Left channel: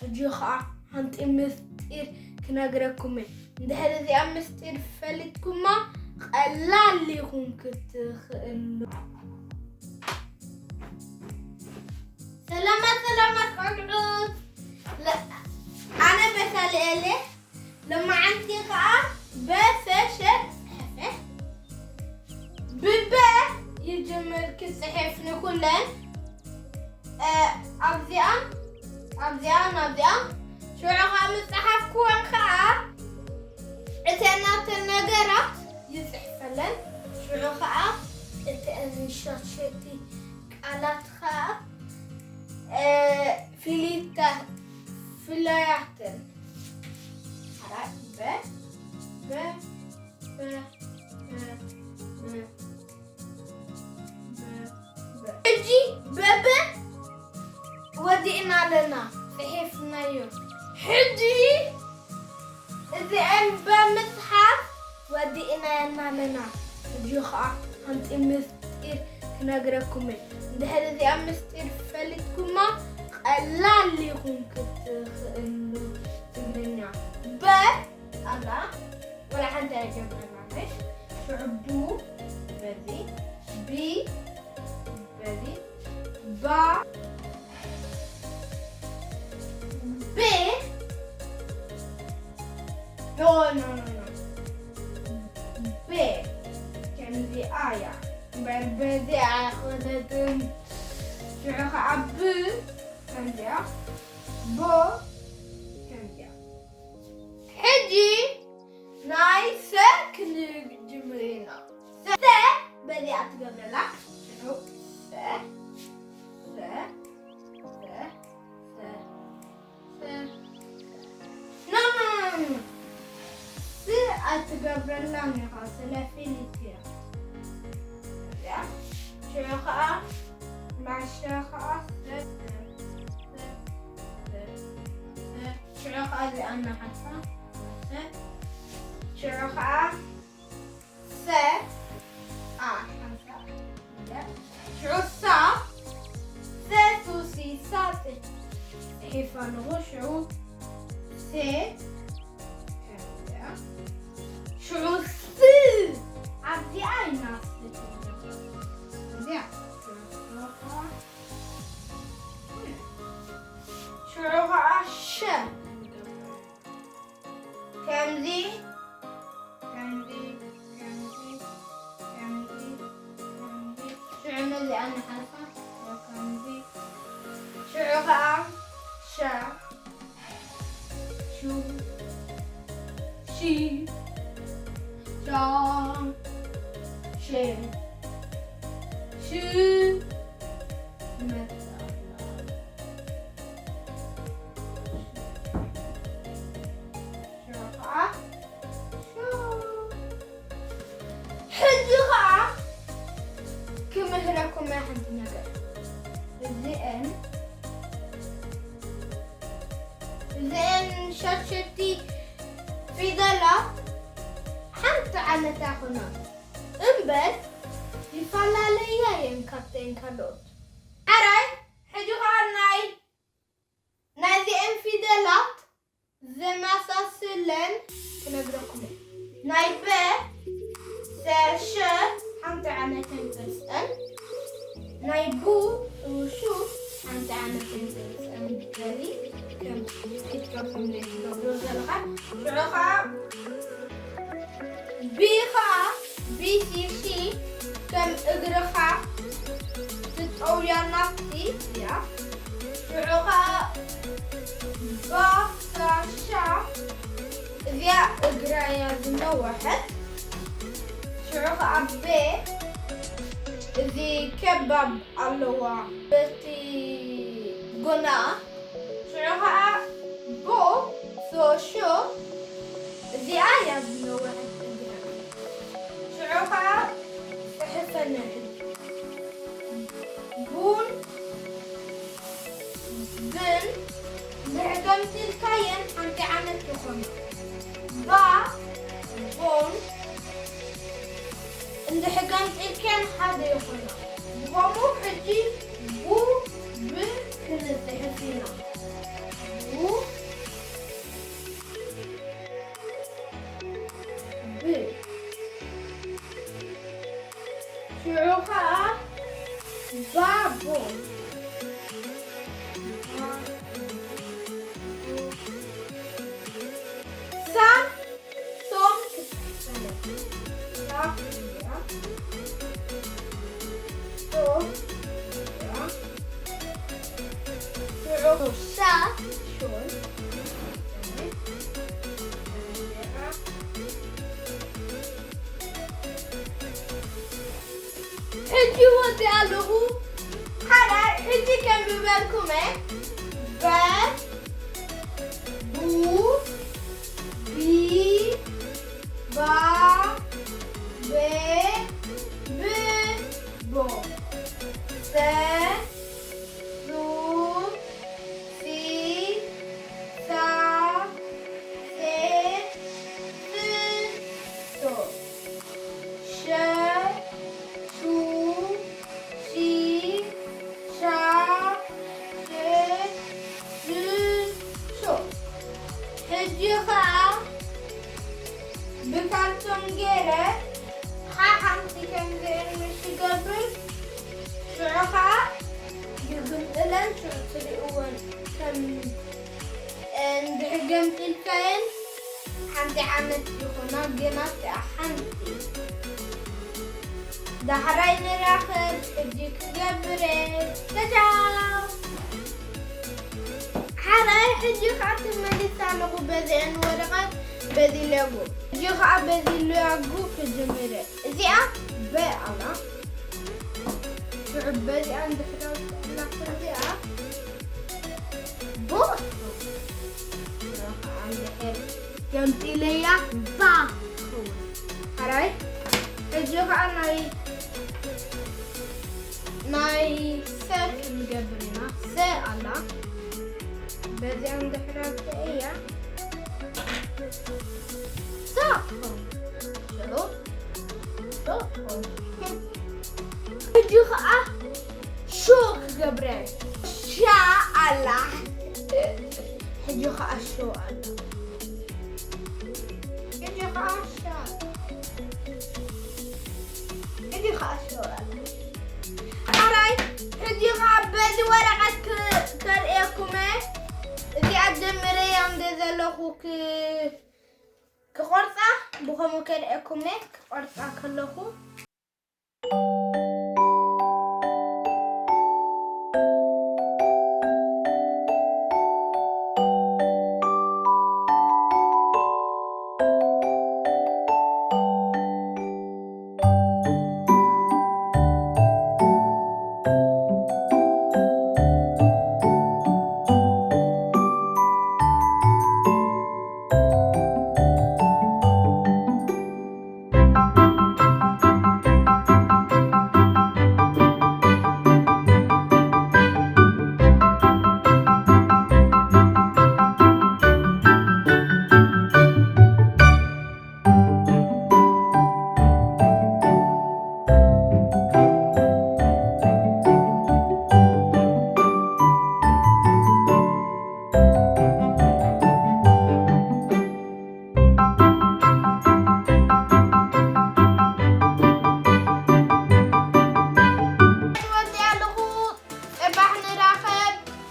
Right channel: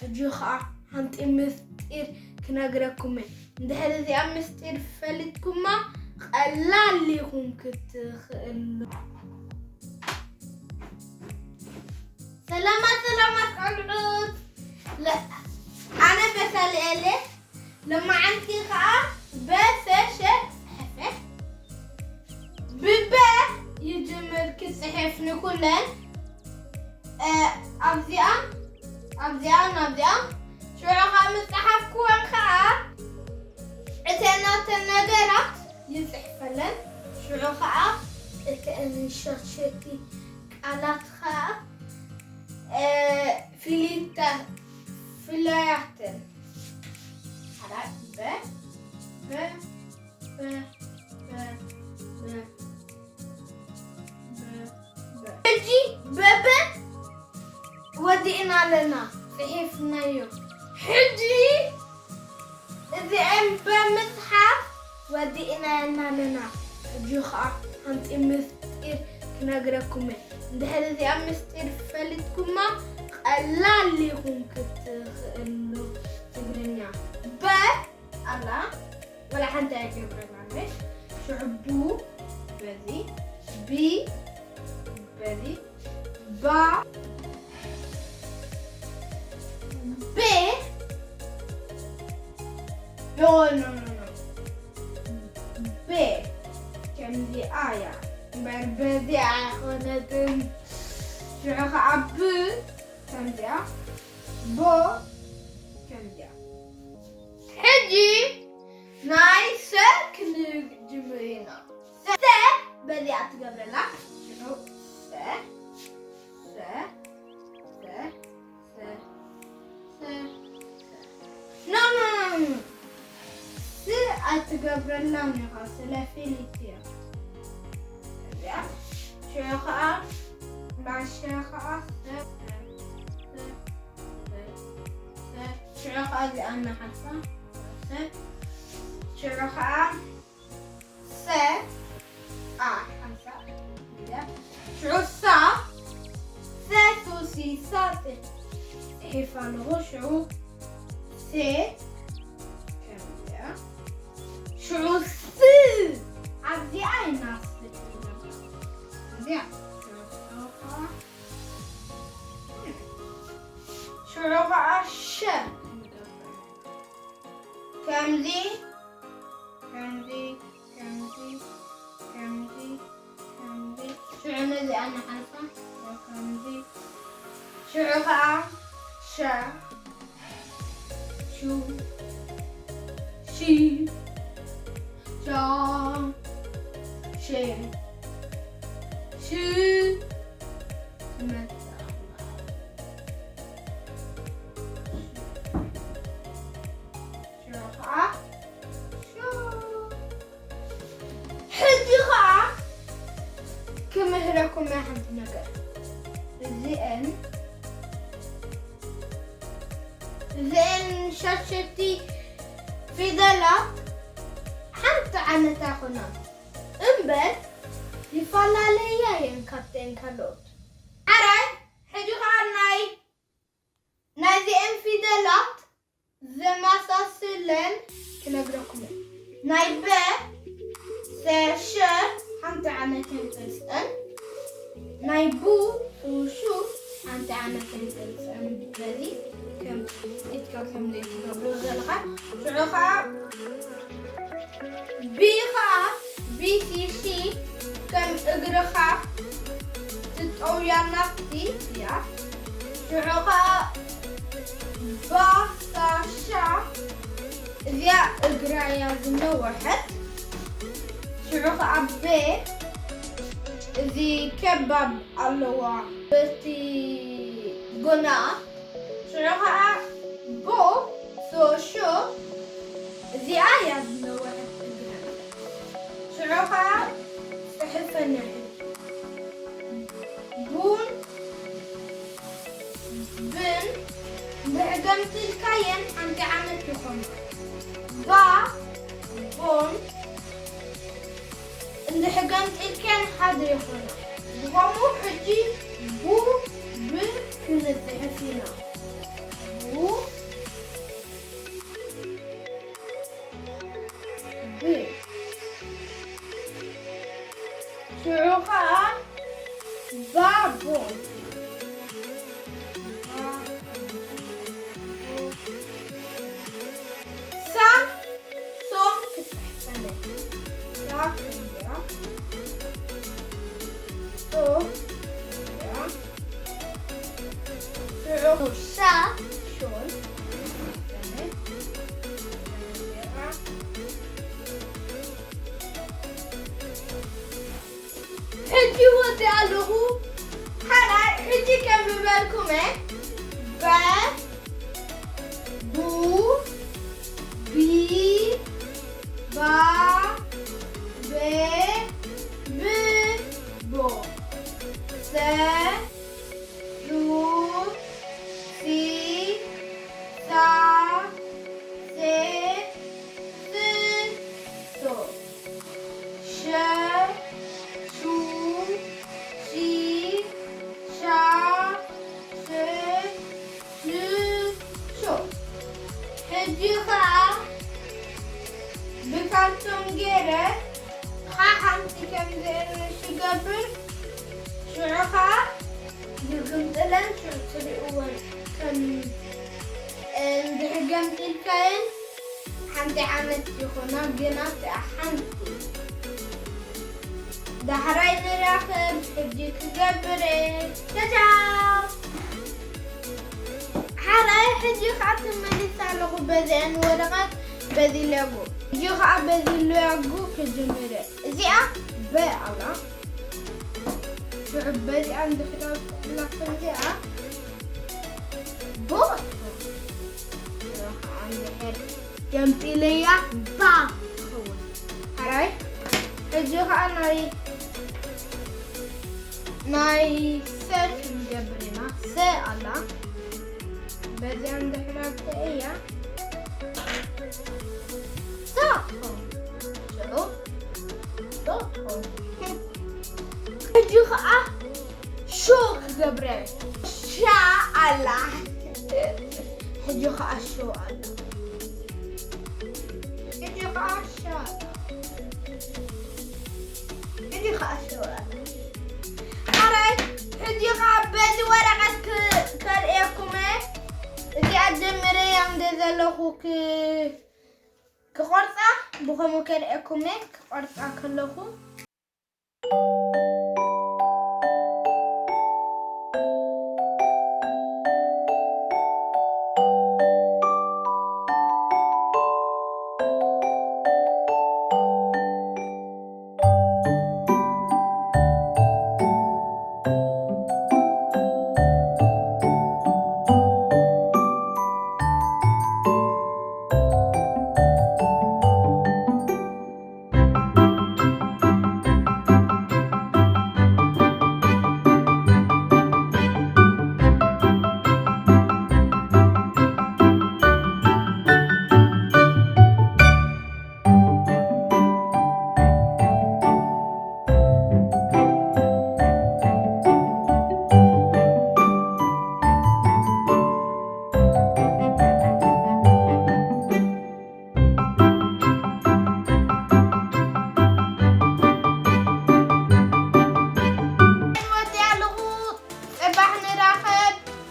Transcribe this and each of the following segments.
حجي خا هانت مستير كنغركم اندحر زي مستير فلتكما قلال ليكم كتخلو سلامات قدوس لا انا بسالي لما عندي خا بسشت حفه ببا يجمر كصحفنا كلن أبزيان شو رقم الصحف كون خا اتنات النجرات يصحفلن شو رقم اتنشاشتي قالات خا فيلاياتن هلا بابا ودينا لنا صحيفنا يوم حجي إذا أم بمصحف ودينا لنا حجي خا أنت مستير كنغركم اندحر إذا أم مستير فلتكما قلال ليكم كتخلو تقرنيا أنا ولا حد يجبرنا مش شعبو بذي بي بذي با ب no ب كم دي آية بربدي أخذتم شرخ عب كم دي بو كم دي حجي نايس كن جمرينا س بدي أتقبل لك شنو س no س أتقبل لك خاصة فيليتيا يا شيخة مع شيخة شيخة لأن حرفة شيخة س خمسة شو صا سوسي صافي حفظه شو س كم شو س عبدي أي ناس شروع ش كم ذي شو عنا ذي أنا حرفة كم ذي شروع ش شو شي شا شي شو كمهركم ما حد نقر زين شاشتي في دلات حتى أنا تاخنا أمبر يفعل عليا ينكتين كلوت أراي حجوها ناي زين في دلات زي ما ساسلن كنقرأكم ناي ب سش حتى أنا تنتسأل ناي بو وشو حتى أنا تنتسأل بذي كم كم ليش قبل زلقة شرقة بي سي كم اقرقة تتقويا نفسي يا شرقة شا ذي اقرأ زمنا واحد شرقة بي ذي كباب اللوا بتي قنا شرقة بو شو ذي آية زمنا واحد شرقة صحفة نحن بون بن بعدمت الكين أنت عملت خمس بون إن حقنت الكين هذا يخلنا بمو حجي بو ب كنا صحفينا بو حجي ودي ألغو حنا حجي كم ببالكم بس بو بي با ب ب بو س سو سي سا سي س سو ش شو شي شا ش س شو هجيخا بكالتم جيرة خاحمتي كم زين مش قبل شعخا يقول لن شو تصير أول كم دهجمت الكائن حمدي عملت يخونا بينات أحمتي دحرين راخب بدي تجبري تشاو حراي حجي خاطر مليسا لغو بذين ورقات بذي لغو حجي خاطر بذي لغو كجمري زيا بألا شعب بذي عند حراس نقل زيا بوط عندي حر جمتي ليا با حراي حجي خاطر ناي سيرش مجبرنا سألا بدي عند حراس ايه صافهم شلو صافهم حجي خاطر شوك جبري شاء الله حجي خاطر شو الله حجي خاطر شاء حجي خاطر شو الله حراي حجي خاطر بدي ورقة كرئيكم إذا أدمري عند ذلك كقرطة بخمو كرئيكم كقرطة كلكم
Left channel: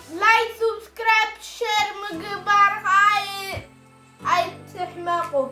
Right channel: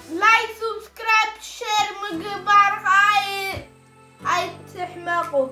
لايك سبسكرايب شير مقبار هاي تحمقوا